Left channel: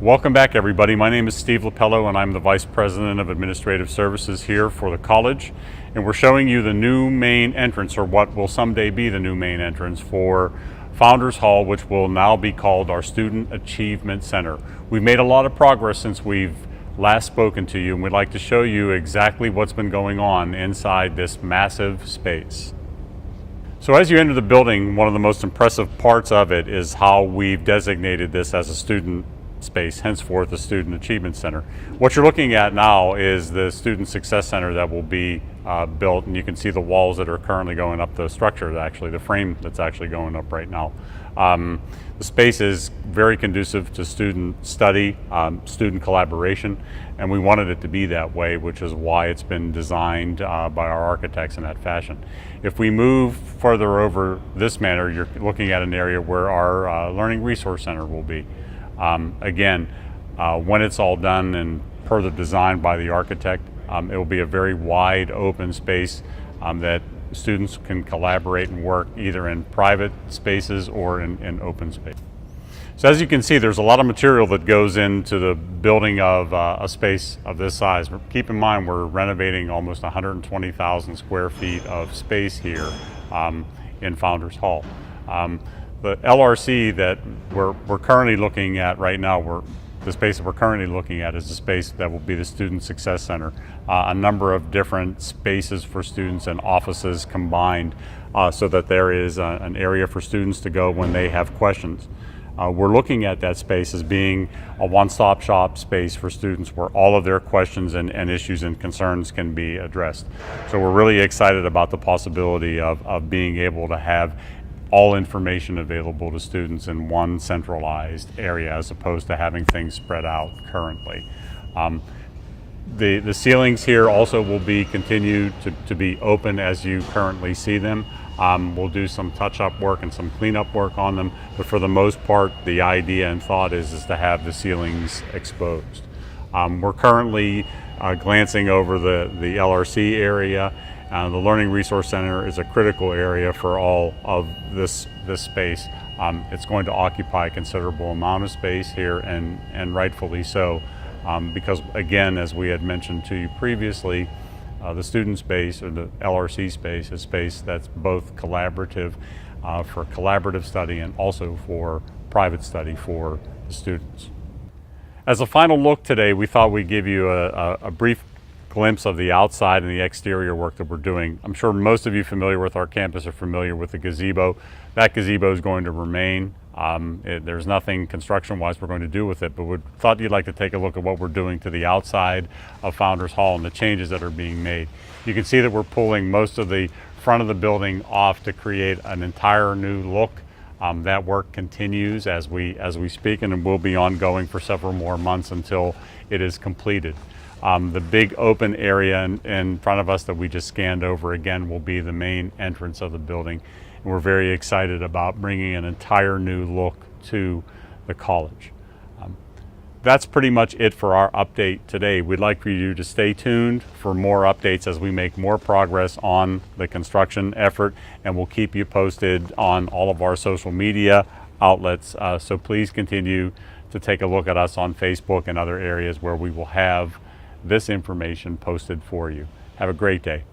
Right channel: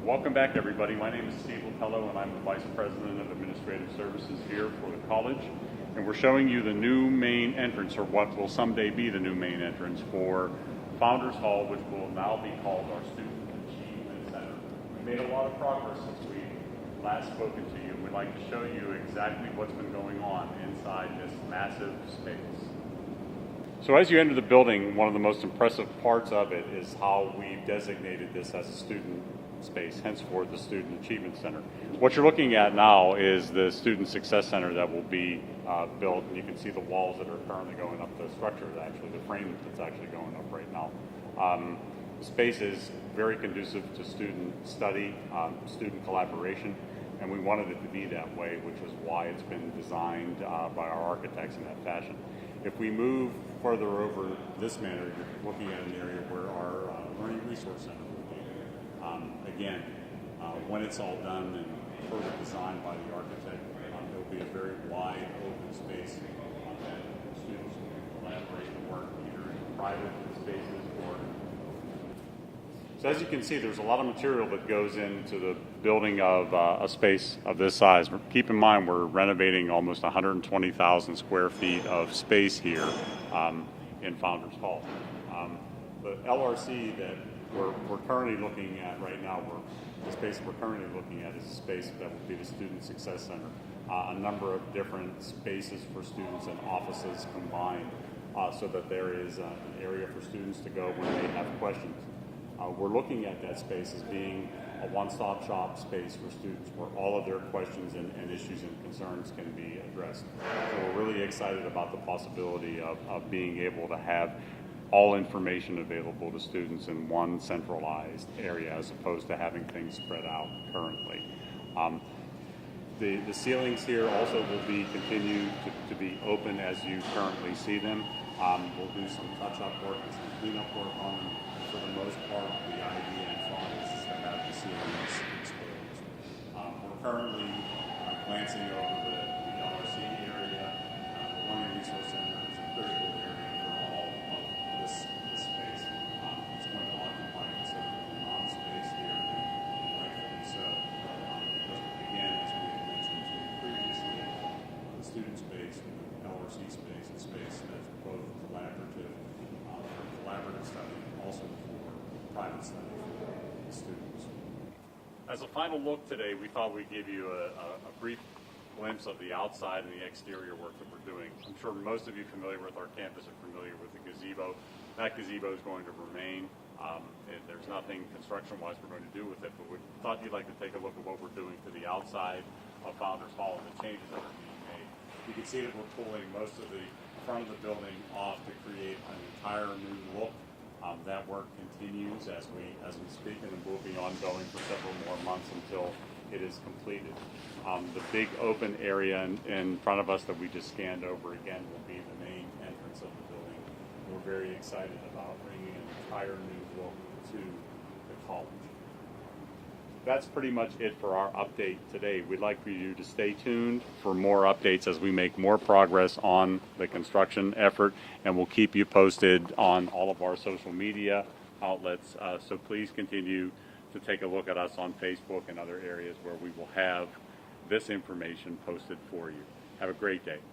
Welcome back, everybody. My name is Steve Lapello, and I'm the Vice President of Administrative Services here for the college. And we're showing you the new main entrance, or what will someday be the new main entrance for Founders Hall, which will now be called our Student Achievement Center. We've made a lot of progress since we've last spoken to you, and we'd like to show you exactly what's been going on inside this massive space. So as you enter the building, one of the most impressive parts of it is how we've designated this as a student space, henceforth the Student Achievement Center. What you're looking at now is the Student Success Center that will be built, and you can see the walls that are currently going up, the structure, actually, the frame that's actually going up right now. The space is very conducive to student study, student collaboration, and we wanted it to be that way, which is why it's been designed by our architects in that fashion. If we move further over this manner, you're looking at an area where our Learning Resource Center will be. Again, when it's all done and per the design by the architect, it will be a very wide open space that students can collaborate and work either in private spaces or in open space. So as you can see, there's a lot of material that goes into the building of a space of this size. Keep in mind, we're renovating almost 120,000 square feet of space here in Founders Hall. The LRC that we're currently looking at right now, the space that we're currently looking at is the space that will be the Student Success Center. A number of different spaces for students and offices combined so that there is an area for students to go when they have questions. We're looking at that space as being a one-stop shop space for students where all of their questions and issues and concerns can be addressed. So we're really excited about the possibility of being able to have all information available to students in one centralized area as opposed to having things spread out currently. The ceilings here also will be continued to be open as you currently see them. We'll do some touch-up work and some cleanup work on them, but for the most part, the idea and thought is to have the ceilings exposed. We're currently glancing over the LRC area. The Learning Resource Center is a critical area for all of this space. It's going to occupy a considerable amount of space here, and rightfully so, because again, as we had mentioned to you previously, the student space, or the LRC space, is space that's both collaborative for collaborative study and also for private study for the students. As a final look today, we thought we'd give you a brief glimpse of the outside and the exterior work that we're doing. I'm sure most of you familiar with our campus are familiar with the gazebo. That gazebo is going to remain. There's nothing construction-wise we're going to do with it, but we thought you'd like to take a look at what we're doing to the outside of Founders Hall and the changes that are being made. You can see that we're pulling most of the front of the building off to create an entire new look. That work continues as we speak, and it will be ongoing for several more months until it is completed. The big open area in front of us that we just scanned over again will be the main entrance of the building. And we're very excited about bringing an entire new look to the college. That's pretty much it for our update today. We'd like for you to stay tuned for more updates as we make more progress on the construction effort, and we'll keep you posted on all of our social media outlets. So please continue to take a look at us on Facebook and other areas where we will have this information posted for you. Have a great day.